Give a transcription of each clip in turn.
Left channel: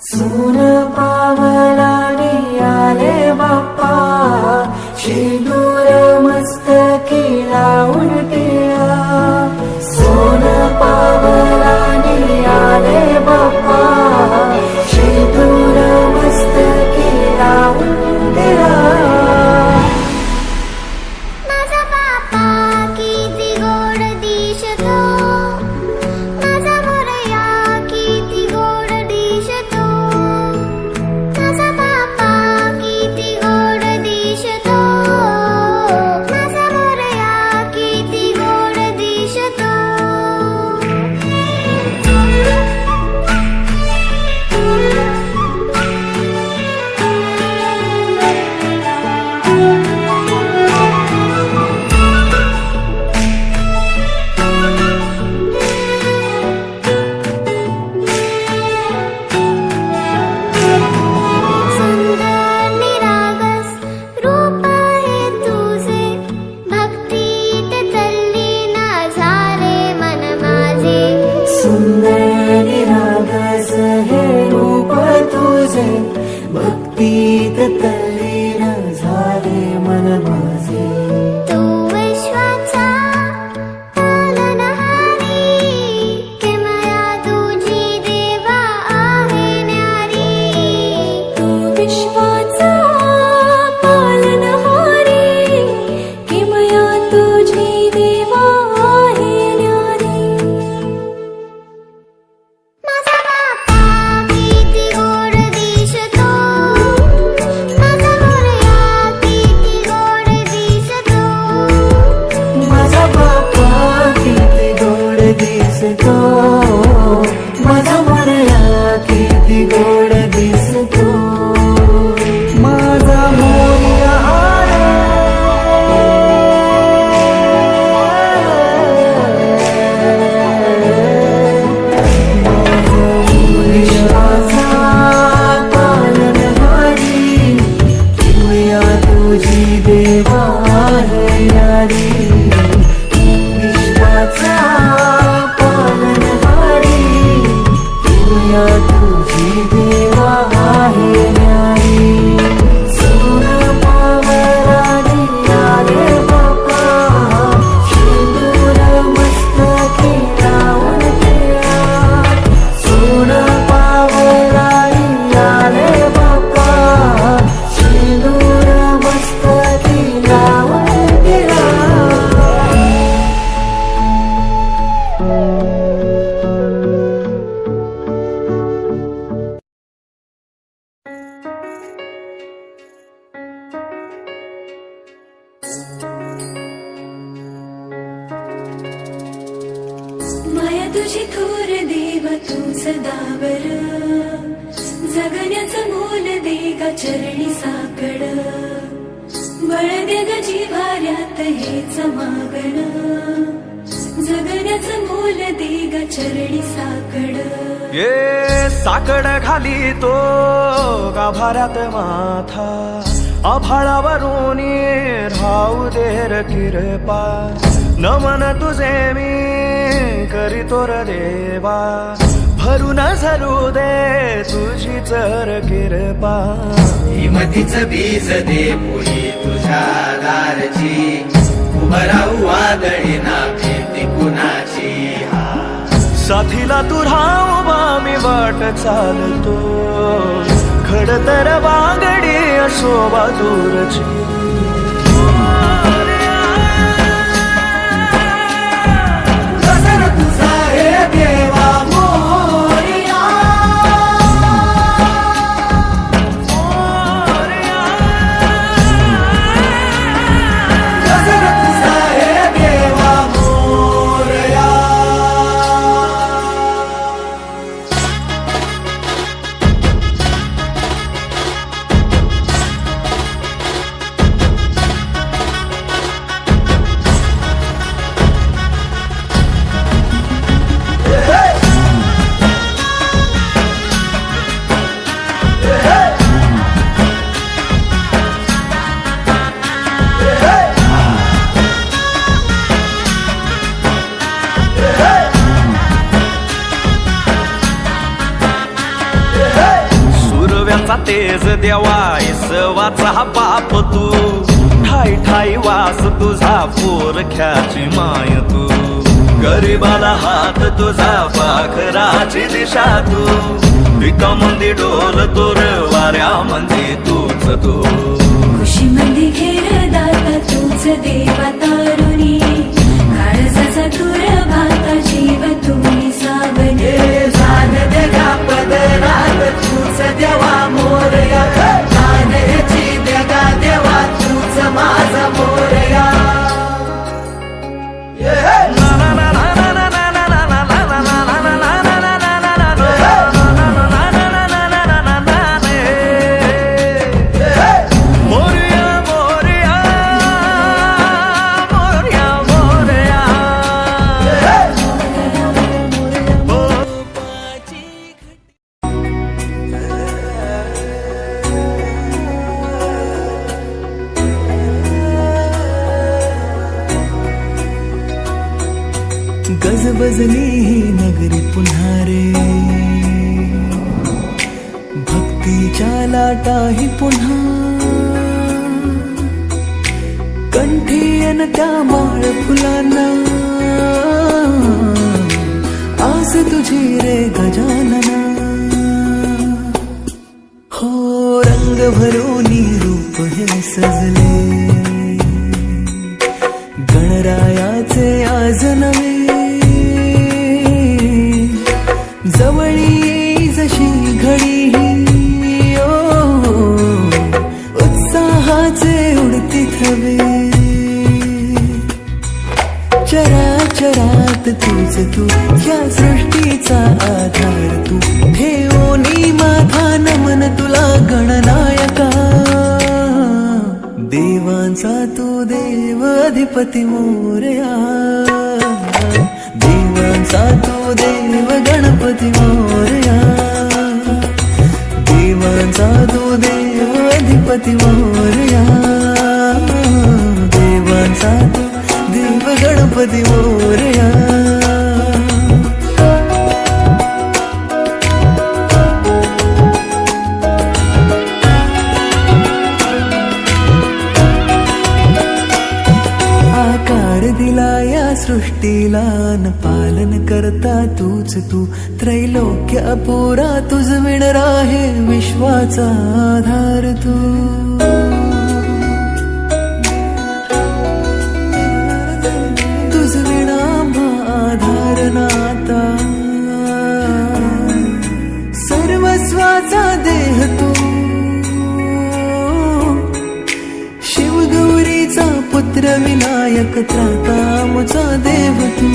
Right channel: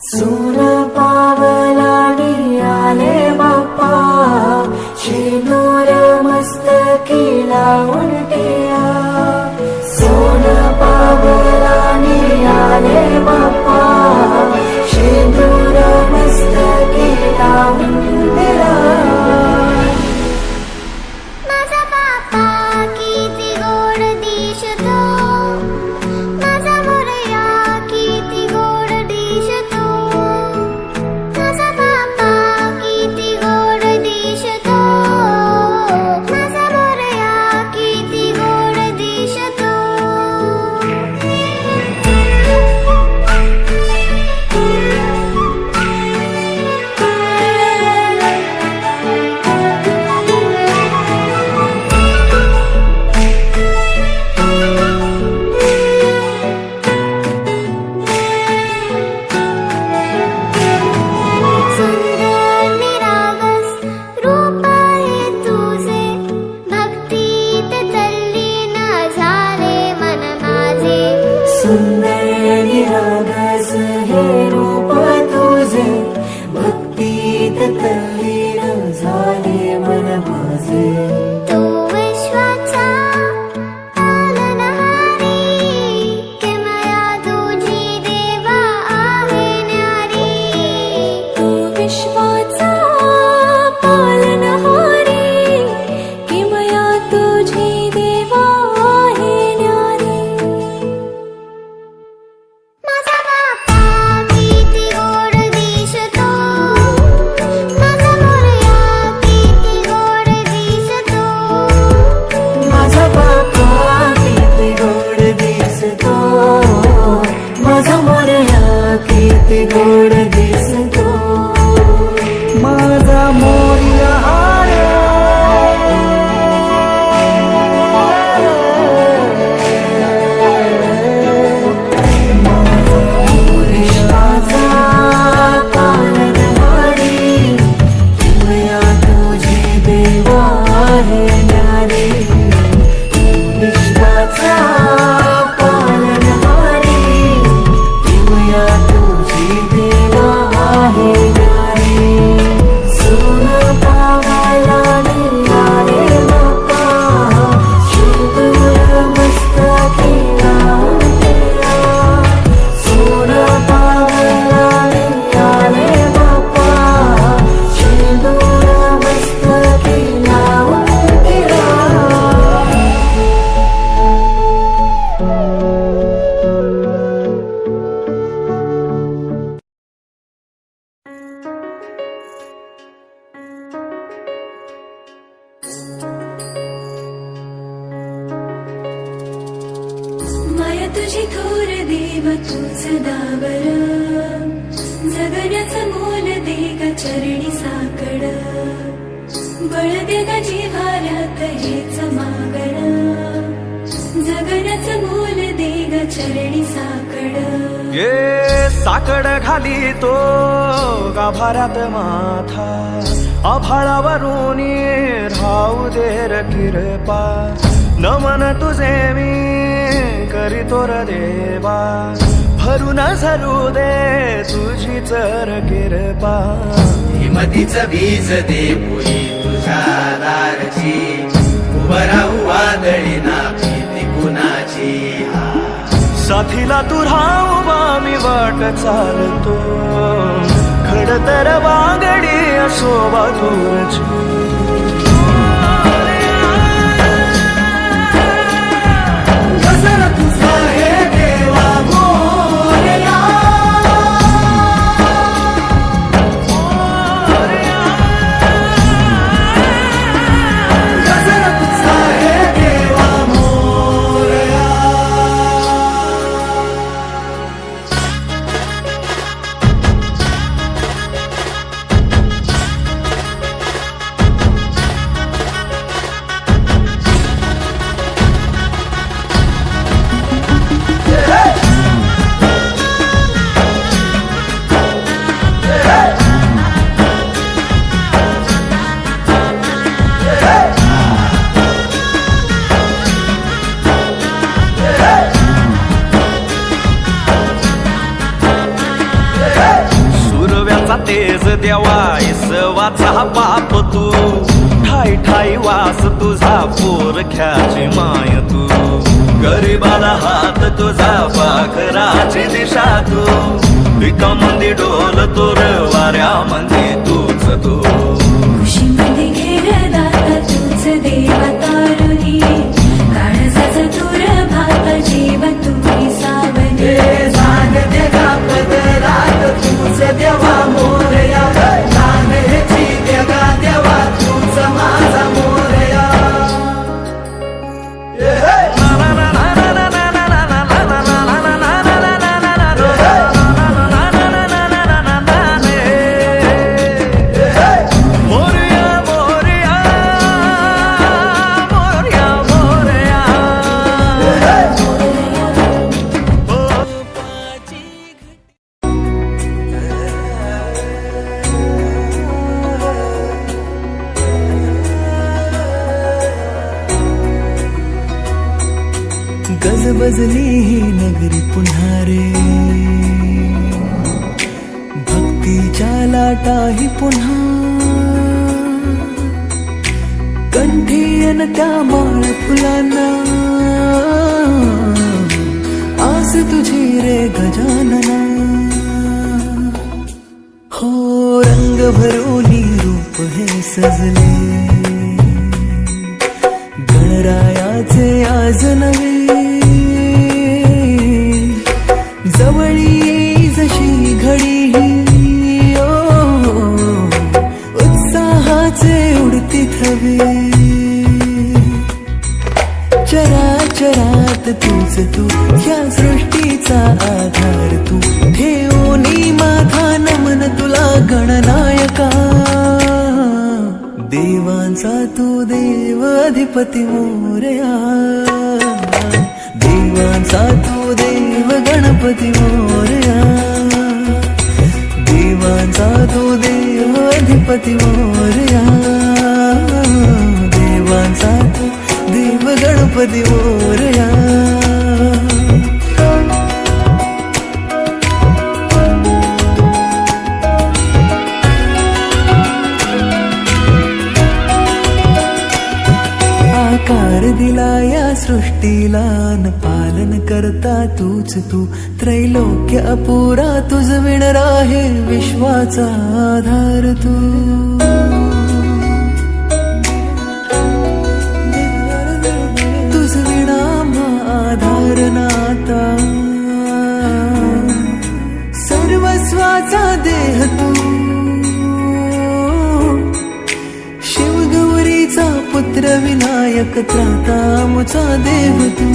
सून पावलानी आले बाप्पा, शेंदूर मस्तकी लावून टिया. सोन पावलानी आले बाप्पा, शेंदूर मस्तकी लावून टिया. माझा बाप्पा किती गोड दिसतो, माझा मोरया किती गोड दिसतो. माझा बाप्पा किती गोड दिसतो, माझा मोरया किती गोड दिसतो. सुंदर निरागस रूप आहे तुझे, भक्तीत तल्लीन झाले मन माझे. सुंदर निरागस हे रूप तुझे, भक्तीत तल्लीन झाले मन माझे. तू विश्वाचा पालनहारी, किमया तुझी देवा आहे न्यारी. तू विश्वाचा पालनहारी, किमया तुझी देवा आहे न्यारी. माझा बाप्पा किती गोड दिसतो, माझा मोरया किती गोड दिसतो. माझा बाप्पा किती गोड दिसतो, माझा मोरया किती गोड दिसतो. माझा मोरया रे, माझा मोरयाचा पालनहारी, किमया तुझी देवा आहे न्यारी. विश्वाचा पालनहारी, किमया तुझी देवा आहे न्यारी. सोन पावलानी आले बाप्पा, शेंदूर मस्तकी लावून टिया. सोन पावलानी आले बाप्पा, शेंदूर मस्तकी लावून टिया. माया तुझी थोर देव तू सदा बरं, जगण्याचं मोल दे ग चरणी साकड. बळ दे ग जिव्हाऱ्यात हेच मागण, जगण्याचं मोल दे ग चरणी साकड. ये साकड घाली तो गाभाऱ्यात माथा, आभाळावरून राहू देर किरपा. नमन तुझे मी करीतो र देवा, भरून झरू दे तुझी चर किरपा. हिमतीचं बीज दे पुरी तुझ्या दारची, उभं राहू वादळी ना भीती कुणाची. साथीला तू राहूबा मी वाट चालतो, खडतर वागडी असोबा दूरची. तेजाचा तेज देवा इसवाचा बाप तू ठाई ठाई वास तुझा पोरख्याची माय तू गरीबाला हात तुझा पाखराची दिशा तू विकामंदी डोल तोर वाऱ्यामध्ये तूच तू खुशीमध्ये घेर दाता तूच देवा तारुणी काळजाचा तुर भाता जीव तुम्ही सावली तूच देवा मोरया जाण्याची देवा देवा तूच माझा मोरया गजबजली ही नगरी पुन्हा रे भक्तीच्या लाटाही पुन्हा कंठी अन त्या माळ फुलांना आस तुझी रे गजानना हो रंग भरोनी रूप हे सजले गणरायाचे आज नवे जवळी येई जशी घडी ही उत्साहाचे उडती थवे चराचरात तूच तू या सृष्टीचा आधार तू ठेवोनी माझा नमन तुला गणनायका देवांचा तू देव अधिपती मोरया देवांचा तू देव गणपती मोरया देवांचा तू देव अधिपती मोरया देवांचा तू देव गणपती मोरया आकार दिला या सृष्टीला न पालन करता तूच तू त्रैलोक्य अपुरा तुझ विण आहे विश्वाचा आधार तू तुझ विणा आधार नाता सर्वस्वाचा देह तू शिवगौरीचा पुत्र विनायक त्राता मुचा देव तू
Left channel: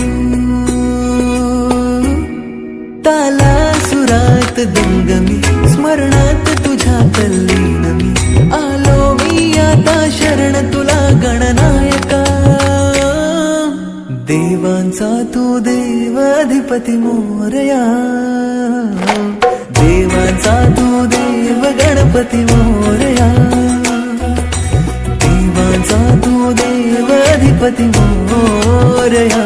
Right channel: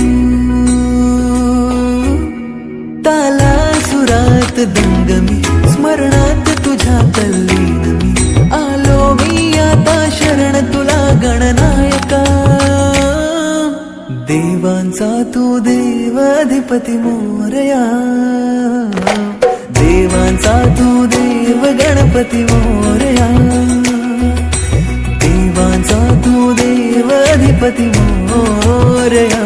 ताला सुरात दंगमी स्मरणात तुझ्या तल्लीन मी आलो मी आता शरण तुला गणनायका देवांचा तू देव अधिपती मोरया देवांचा तू देव गणपती मोरया देवांचा तू देव अधिपती मोरया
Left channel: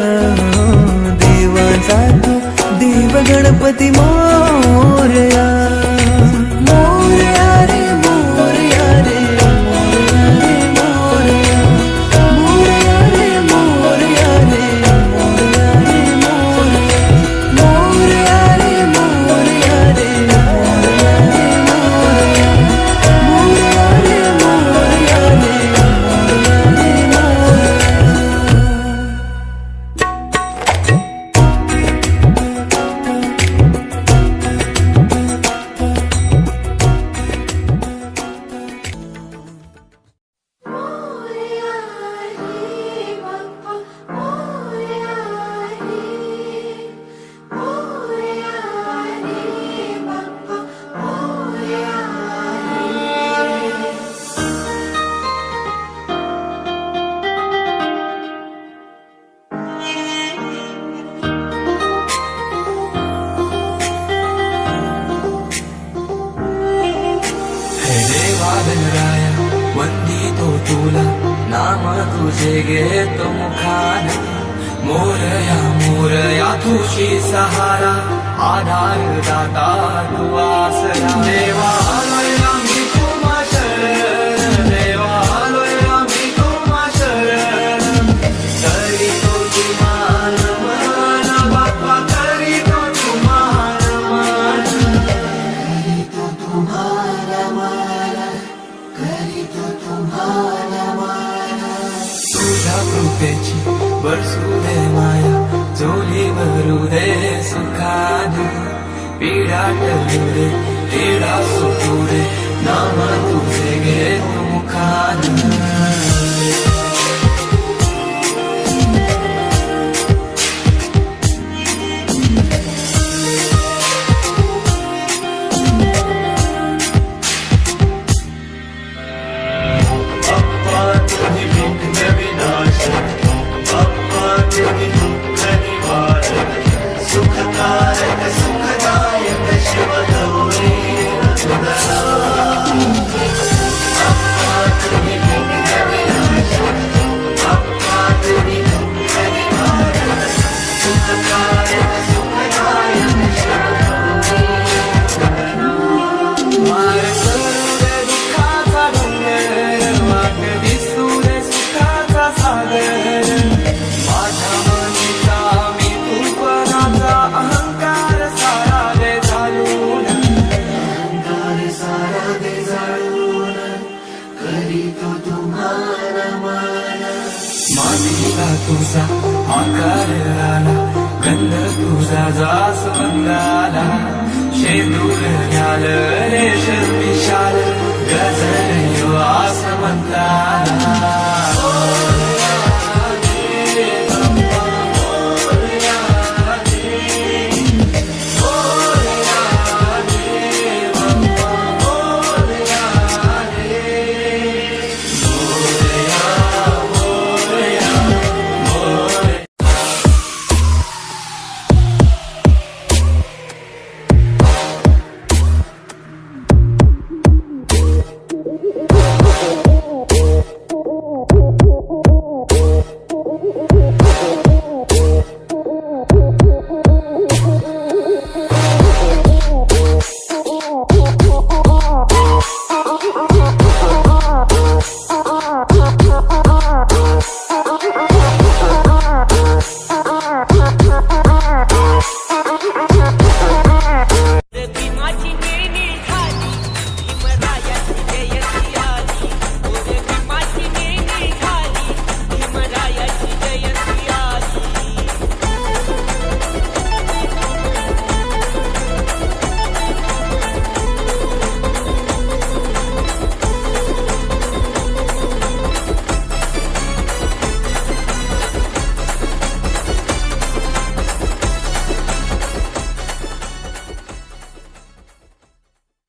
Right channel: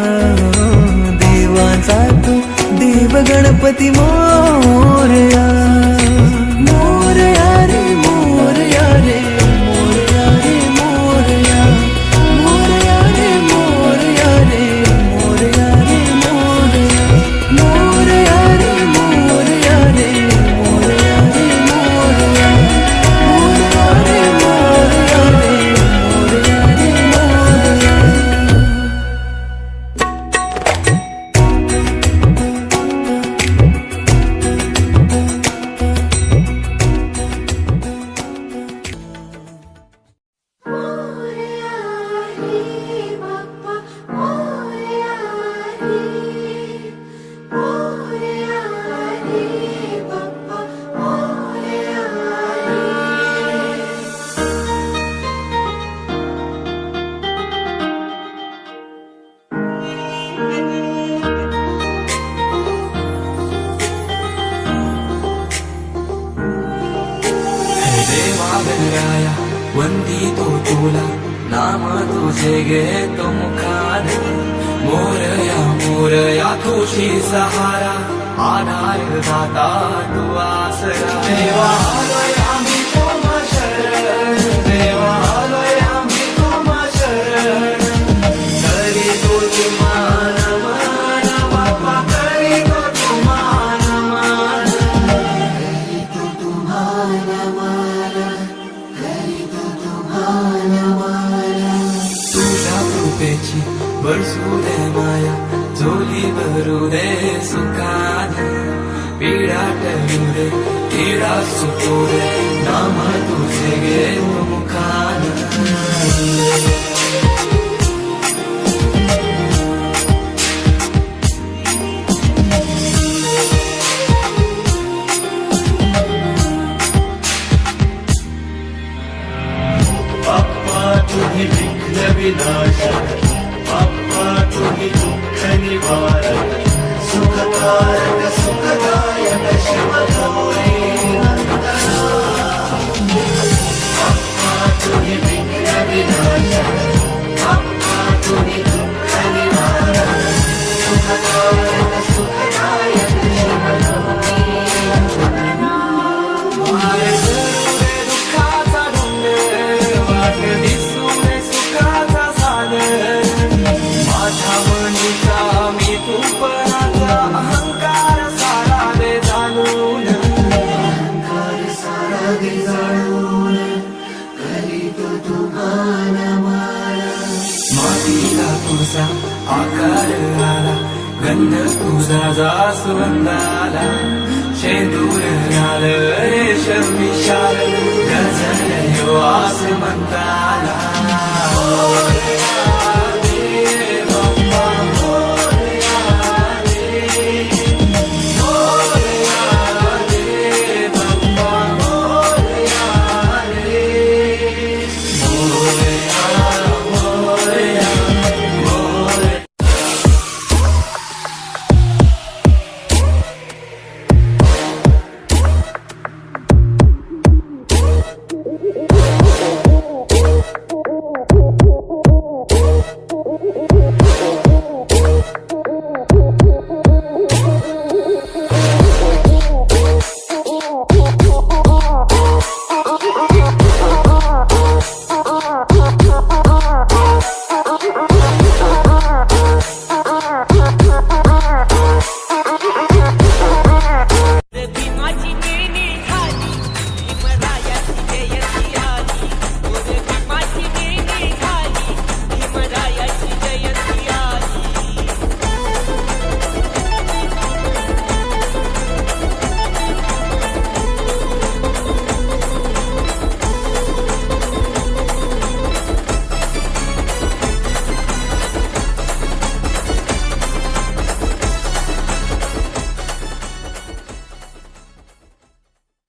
देवांचा तू देव गणपती मोरया मोरया रे मोरया रे मोरया रे मोरया रे मोरया रे मोरया रे गणराया वंदितो तुला नाम तुझे घेतो मुखान मोरया तुझी सहारा आधार दाता तू आसरा देवा बरसू दे माया झोली भरू दे सुखाने पीडा टळू दे पीडा सुटू दे नाम तुझे घे तू मुखाने मातीला तुझा आकार आला गंध तुझा जास्वंदाला शेंदूर घाल रेशमी शाल गजर वास म्हणता